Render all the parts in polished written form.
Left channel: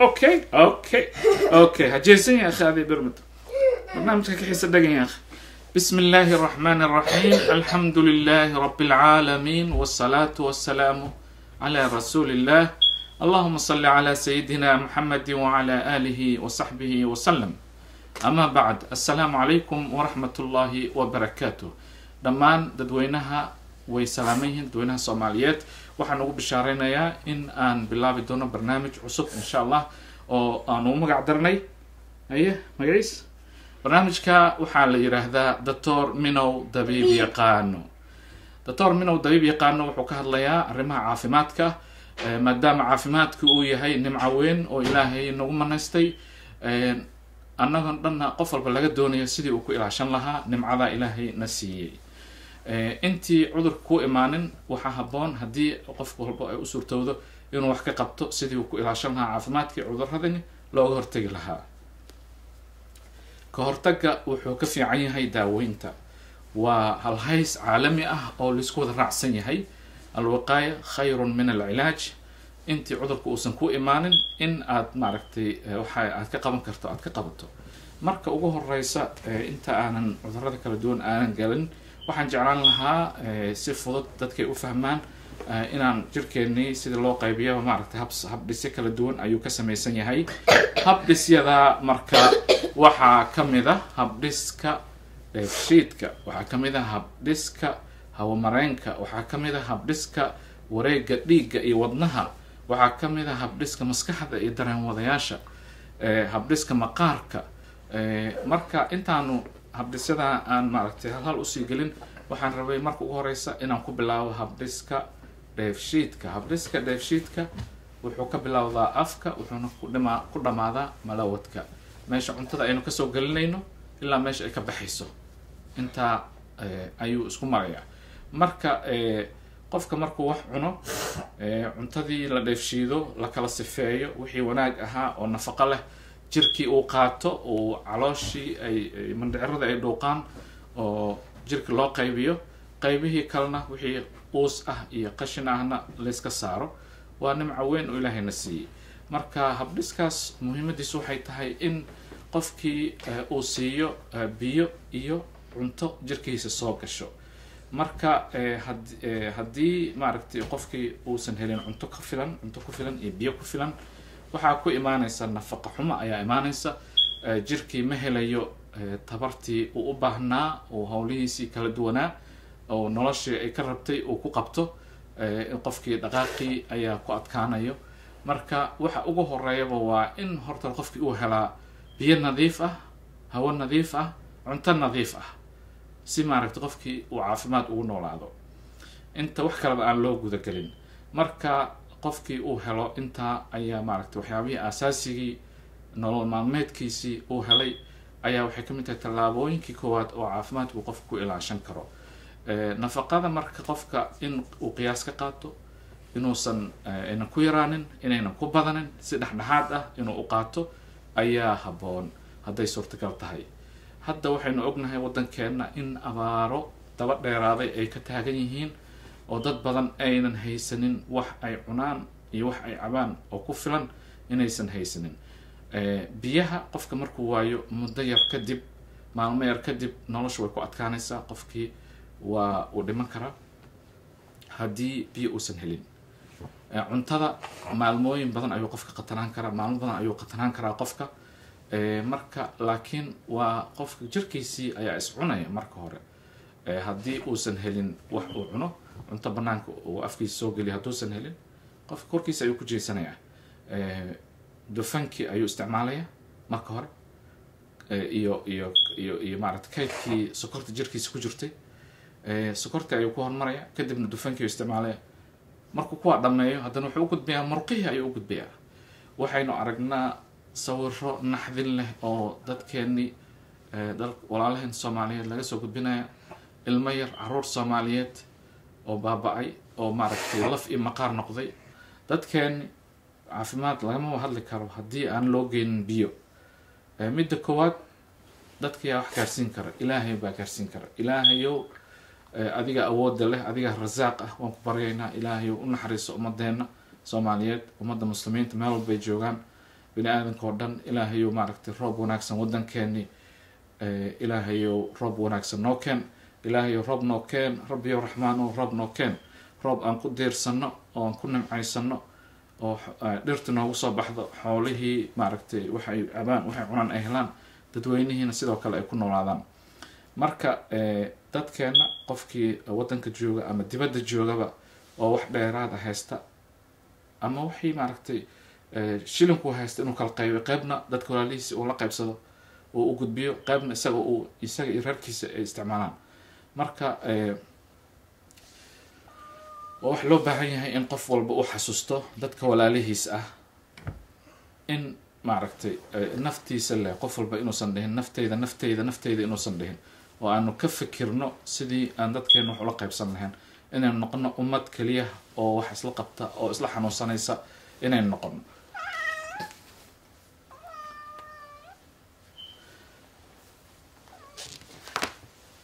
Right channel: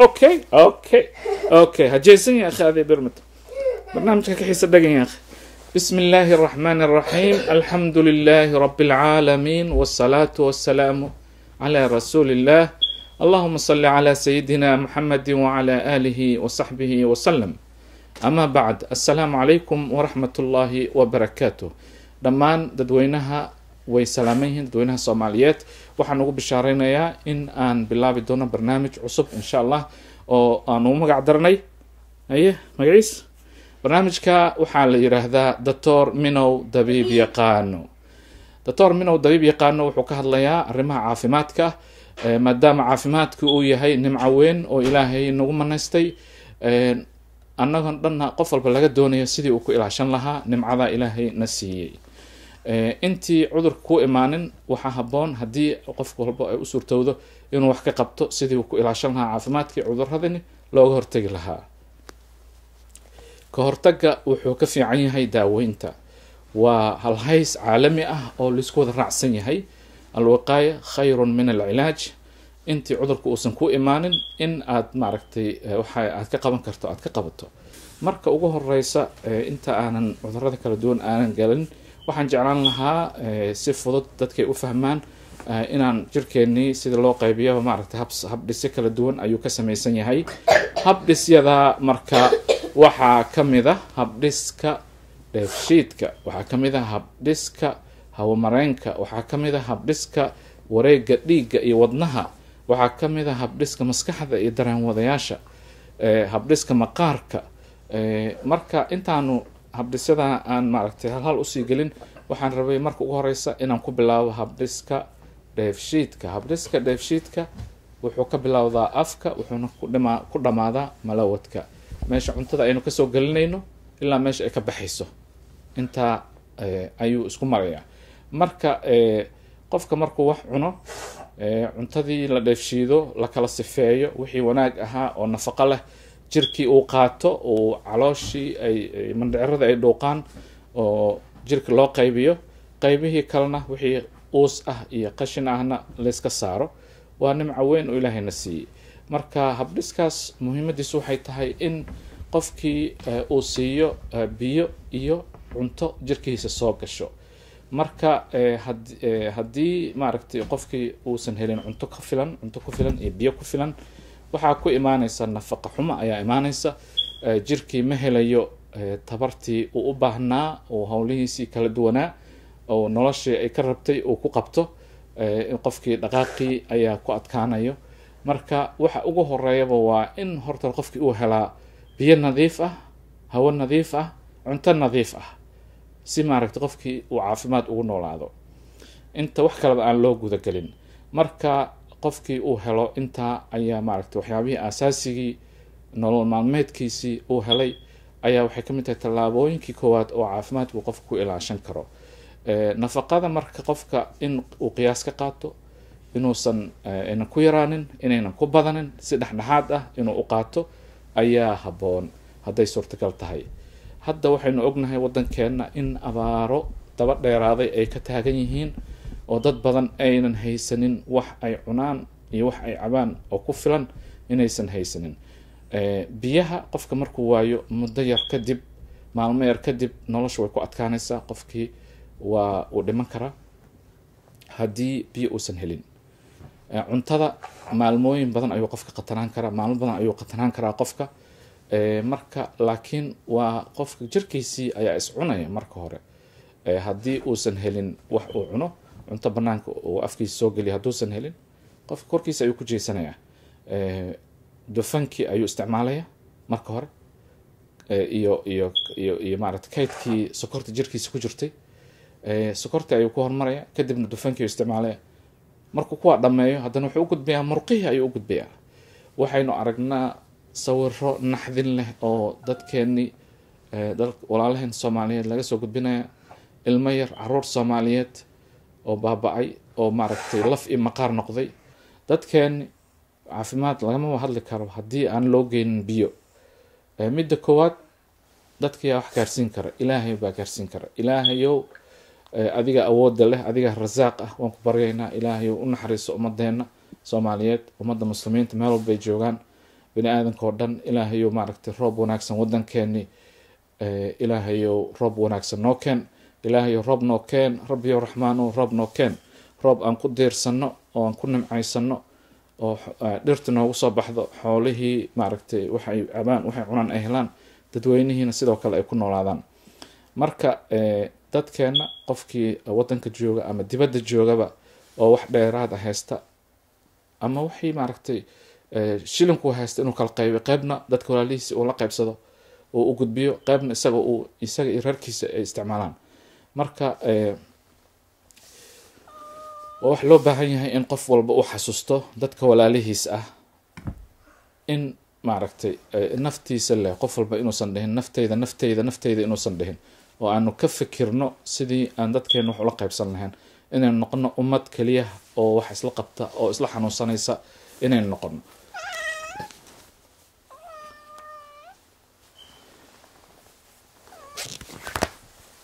اوكي هجيسن يا اخي هذه برمت برنامجك كحيس الدقن يا اخي. بسم الله الرحمن الرحيم، الحمد لله رب العالمين، والصلاة والسلام على رسول الله. اللهم صل على سيدنا محمد وعلى آله وصحبه وسلم. أما بعد، السلام عليكم ورحمة الله وبركاته. دمان ددوينها ويسلاميهن ددوينها سوماليات. waxaan ugu bishaareynaya in aan bilaabi doono barnaamij cusub insha Allah oo aan ugu magac darnay magaciis barnaamijka waxaa la yiraahdaa Dr. Minow Dabiib Yaqaano. Dr. Minow Dabiib Yaqaano wuxuu ka hadlayaa arrimaha caafimaadka maadaama caafimaadku uu yahay nimco weyn oo Ilaahay nagu manaystay annaga dhanna qof walba laga doonayo sidii uu ku ilaashan lahaa nimcada Ilaahay na siiyay. intii cudurka ku imaanin waxa haboon hadii qof walba ay u suurtoodo inuu wax ka qabto sidii uu ku ilaashan lahaa caafimaadkii cuduradani looga hortagi lahaa. ka hortagga wuxuu ka fiican yahay daaweynta. waa hal hays caalami ah oo la isku wada raacsan yahay. alwaqaaya khayrun min alcilaaj. intii cudurku uusan ku imaanin in aad maaragtay waxa aad ka qaban karto aad ka qabato. marka ugu horeysa inta aanan cudurada kala duwan aanan galin waxaan jeclaan lahaa si fudud dadkay u fahmaan inaan jirkeennii sida loo qaybiyo maaragtay habdhisyo kala duwan ayuu ka samaysan yahay. habdhisyada marka waxaa ka mid ah habdhiska dheefshiidka, waxaa ka mid ah habdhiska hawamareenka, waxaa ka mid ah habdhiska wareegga dhiigga iyo wadnaha, waxaa ka mid ah habdhiska maskaxda iyo dareenwadayaasha, habdhiska maqaarka. marka intaanu habdhisyada aan maaragtay hal usii gelin waxaan rabay marka ugu horeysa inaan ku bilaabo habdhiska dheefshiidka. habdhiska dheefshiidka wuxuu ka bilowdaa afka wuxuuna ku dhamaadaa malawadka, meesha cuntada aynu kasoo gelinayno ilaa meesha ay ka baxayso intaa ayuu isku marayaa. marka qofka markuu wax cuno cuntadii la dheefshiido la kala sifeeyo wixii wanaag ahaa oo nafaqo leh jirkii uu qaato oo calooshii ay mandhicirada ay dhuuqaan oo jirka loo qaybiyo, qaybihii kalena wixii uus ah iyo qashin ahna la iska saaro. waa nimco weyn oo Ilaahayna siiyay. marka habdhiskaas muhiimadiisu waxay tahay in qofkii uu siiyo biyo iyo cunto jirkiisa soo gasho. marka haddii maaragtay qofkii uusan helin cunto ku filan iyo biyo ku filan waxaa ku imaanaysa nafaqo xumo ayaa imaanaysa. jirkii ma helayo tabartii uu u baahnaa oo hawlihiisii kala duwanaa oo noloshii ay ka rabtay uu ku qabto. qofkii dhaqaaqii ayaa ku adkaanayo. marka waxa ugu horeeyaba waa in horta qofkii uu helaa biyo nadiif ah, hawo nadiif ah, cunto nadiif ah si maaragtay qofkii uu caafimaad ugu noolaado inta wax kale aan loo guda galin. marka qofkii uu helo intaa ayaa maaragtay waxyaabihii asaasigii nolol maalmeedkiisii uu helay ayaa waxay ka mid tahay tallaabooyinkii koowaad oo caafimaadku qofku ku ilaashan karo. nafaqada marka qofka in uu qiyaas ka qaato, inuusan aynan ku yaraanin, inaynan ku badanin, si dhexdhexaad ah inuu u qaato ayaa haboon hadday suurtagal tahay. hadda waxaynu ognahay waddankeena in abaaro daba dheeraaday ay ka taagan yihiin oo dad badan aynan haysanin wax ay cunaan iyo wax ay cabaan oo ku filan inaysan haysanin. biyaha qofka markuu waayo muddo yar kadib, maalmo yar kadib nolosha way ku adkaanaysaa. qofkii waa uu dhiman karaa haddii biyo uusan helin. cuntada maalmooyin badan ayuu qofka qatanaan karaa, maalmo badan ayuu qatanaan karaa qofka. marka laakiin waa qofka jirkiisii ayaa is cunaya marka hore. haddii uusan helin wax uu cuno, cunto banaanka uu afkiisa soo geliya hadduusan helin, qofka korkiisa ayuu ku jeesanayaa. dufankii ayuu isticmaalaya marka hore iyo maaragtay kaydkii sokorta jirkiisa ku jirtay. sokortii ayuu ku hormaraya kadibna dufankii ayuu isticmaalaya. markuu kuwaa dhameeyo haddana wuxuu u gudbayaa murqihii ayuu u gudbayaa. waxaynu aragnaa sawiro naxdin leh oo dadkeennii walaalaheen Soomaaliyeed laga soo gudbinaya. ilmo yar caruur Soomaaliyeed oo baaba'ay oo maaragtay laf iyo maqaar noqday. dadkeeni caafimaad lagama hadli karo haddii aan loo geynin biyo. midda koowaad dadka yaa wax gaarsiin kara, Ilaahay baa gaarsiin kara. ilaahayow adiga awoodda leh, adiga rasaaq ah, waan ku baryaynaa ilaahayow u naxariiso ummadeena Soomaaliyeed, ummadda muslimiinta meel walba ay joogaan. bini aadamka oo dhan ilaahayow maaragtay roob wanaagsan waddankeeni ilaahayow roob wanaagsan noo keen ilaahayow roob noo keen rabbiyow raxmaanow roob noo keen roob aan ku diirsano oo aan ku nimcaysano oo dhirta noogu soo baxdo xoolihii maaragtay waxay cabaan waxay cunaan ay helaan dadweynihiina sidoo kale ay ku noolaadaan marka dadkeena qofkii waddanka jooga ama dibadda joogaba oo wax dheeraad ah haysta ama wixii maaragtay shilinku haysta inuu kala qaybo qaybna dadka walaalihiisa uu la qaybsado oo u gudbiyo qaybna isaga iyo reerkiisa ay isticmaalaan marka wax loo baahan yahay in qof walba uu xasuusto dadka walaalihiis ah in maaragtay naftiisa leh qof walba inuusan dhihin nafteyda inuusan dhihin oo aanu ka fikirno sidii aan dadkeena wax ula qaybsan lahayn inaynu noqono ummad keliya oo wax isla qabta oo isla xanuunsanaysa inaynu noqono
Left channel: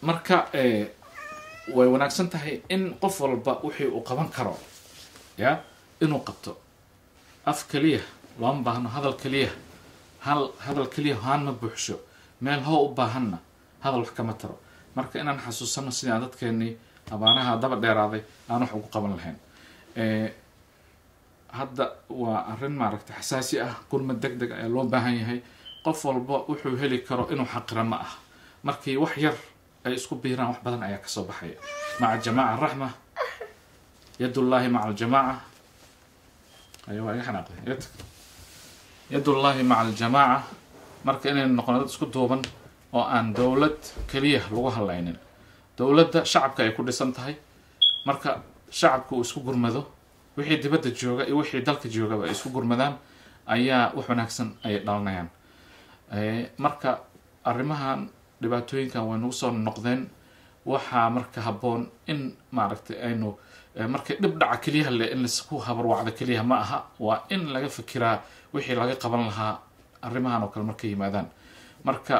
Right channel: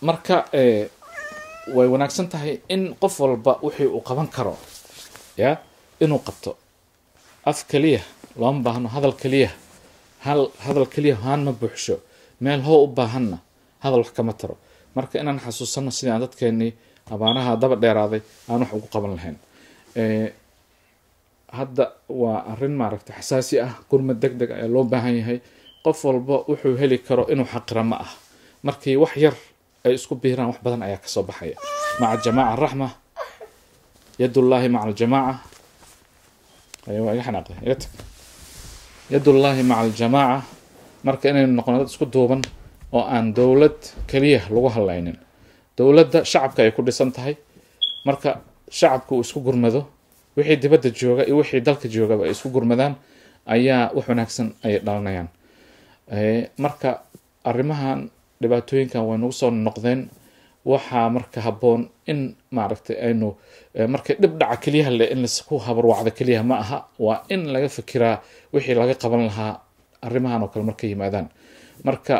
marka way wanaagsan tahay in qof walba wixii uu qaban karo ya inuu qabto af keliya looma baahno hadal keliya haan ma buuxsho meel hoo u baahanna hadal wax kama taro marka inaan xasuusano sidii aan dadkeenii abaanaha daba dheeraaday aan wax ugu qaban lahayn hadda waa arrin maaragtay xasaasi ah gurmad deg deg ee loo baahan yahay qof walba wuxuu heli karo inuu xaqira ma ah markii wax yar ay isku biiraan wax badan ayaa kasoo baxaya maca jamaaca raxma yadullaahi maca aljamaaca waa iga xanaaqday yadullaahi maca aljamaaca marka inaynu noqono dad isku duuban oo aan dowlad keliya lagu hadlaynin dowladda shacabka ay ku dhisan tahay marka shacabku uu isku gurmado wixii dibadda jooga iyo wixii dalka joogaba ay isku gurmadaan ayaa wax wanaagsan ay dhalanayaan marka arrimahan dhibaatooyinkan way nagu soo noqdeen waxaa marka habboon in maaragtay aynu markay dhib dhaca keliyaha leh in laisku habarwacdo keliyaha ma aha waa in laga fikiraa wixii laga qaban lahaa arrimahan oo kale markay yimaadaan marka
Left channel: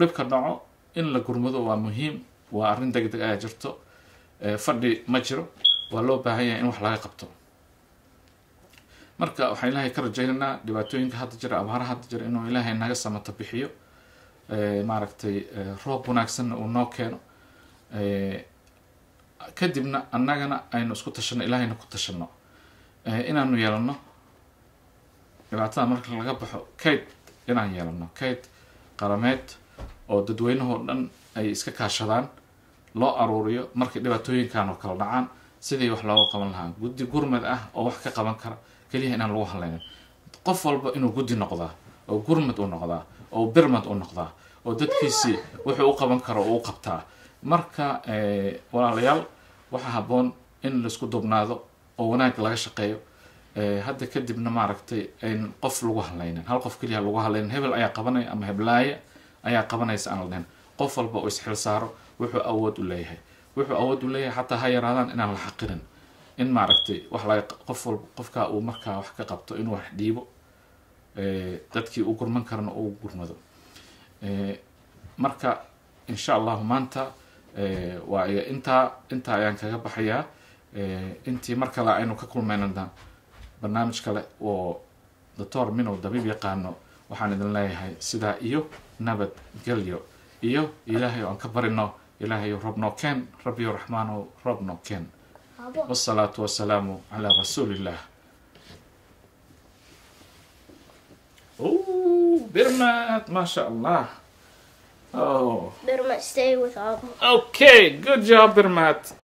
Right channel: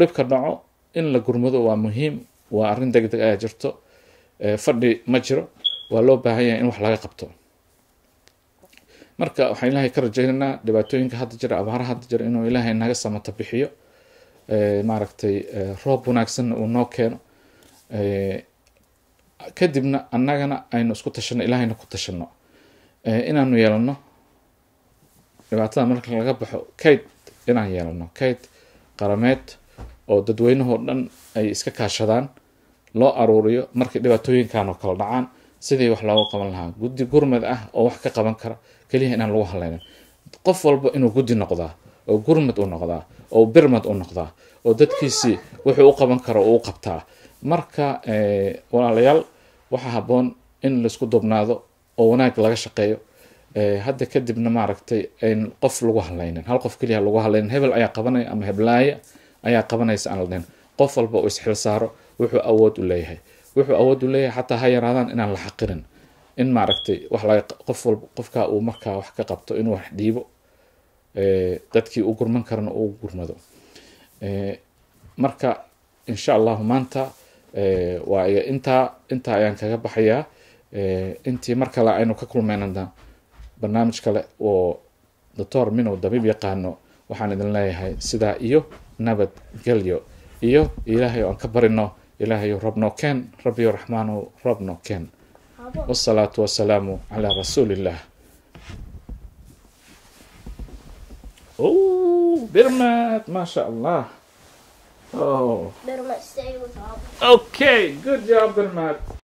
dhibka dhaco in la gurmado waa muhiim waa arrin deg deg ayaa jirto fadhi ma jiro waa loo baahan yahay in wax laga qabto marka waxaan ilaahay ka rajaynaynaa dhibaatooyinka hadda jira abaara hadda jira inuu ilaahay naga samata bixiyo maaragtay roob wanaagsanna uu noo keeno kadibna annagana aynu isku tashano ilaahayna ku tashano inaanu yeelano dhibaatada marka laga baxo kayd inaan yeelano kayd qarameed oo dadweynahoo dhan ay iska kaashadaan loo aruuriyo markay dhibaatooyinkan oo kala dhacaan sidii wax looga qaban lahaa guddi gurmad ah oo wax ka qaban kara keliya inaan lagu hadlaynin qof walba inuu guddi noqdaa oo gurmad u noqdaa oo birmad u noqdaa oo dadkiisii wuxuu u qaban karo uu qabtaa marka walaalayaal waxaa habboon in laisku dubnaado oo wanaag laga shaqeeyo hadda kadibna maaragtay ayn qof lagu hadlaynin hal qof keliya lagu hadlaynin hebel ayaa qabanaya ama heblaaya ayaa qabanaysa aan ladhayn qof walba uu isxil saaro wuxuu awood u leeyahay xataa ha yaraadaan inaan la xaqirin in maaragtay wax laga qofka uu markaa wax ka qabto inuu wax dhiibo dadkii uu gurman karana uu gurmado marka insha allahu maanta waa intaa ayaan kaga baxayaa intii mar kale aynu ka kulmaynana barnaamij kale oo doctor minow dabiib yaqaano waxaan idin leeyahay sidaa iyo nabad gelyo iyo ilaahay oo aan ka barino ilaahay roob noo keen rabbiyo raxmaanow roob noo keen والصلاة والسلام على رسول الله. Oh, Birmat, mashallah. Oh. Birmat, stay with Abu. Okay, good job, Birmat.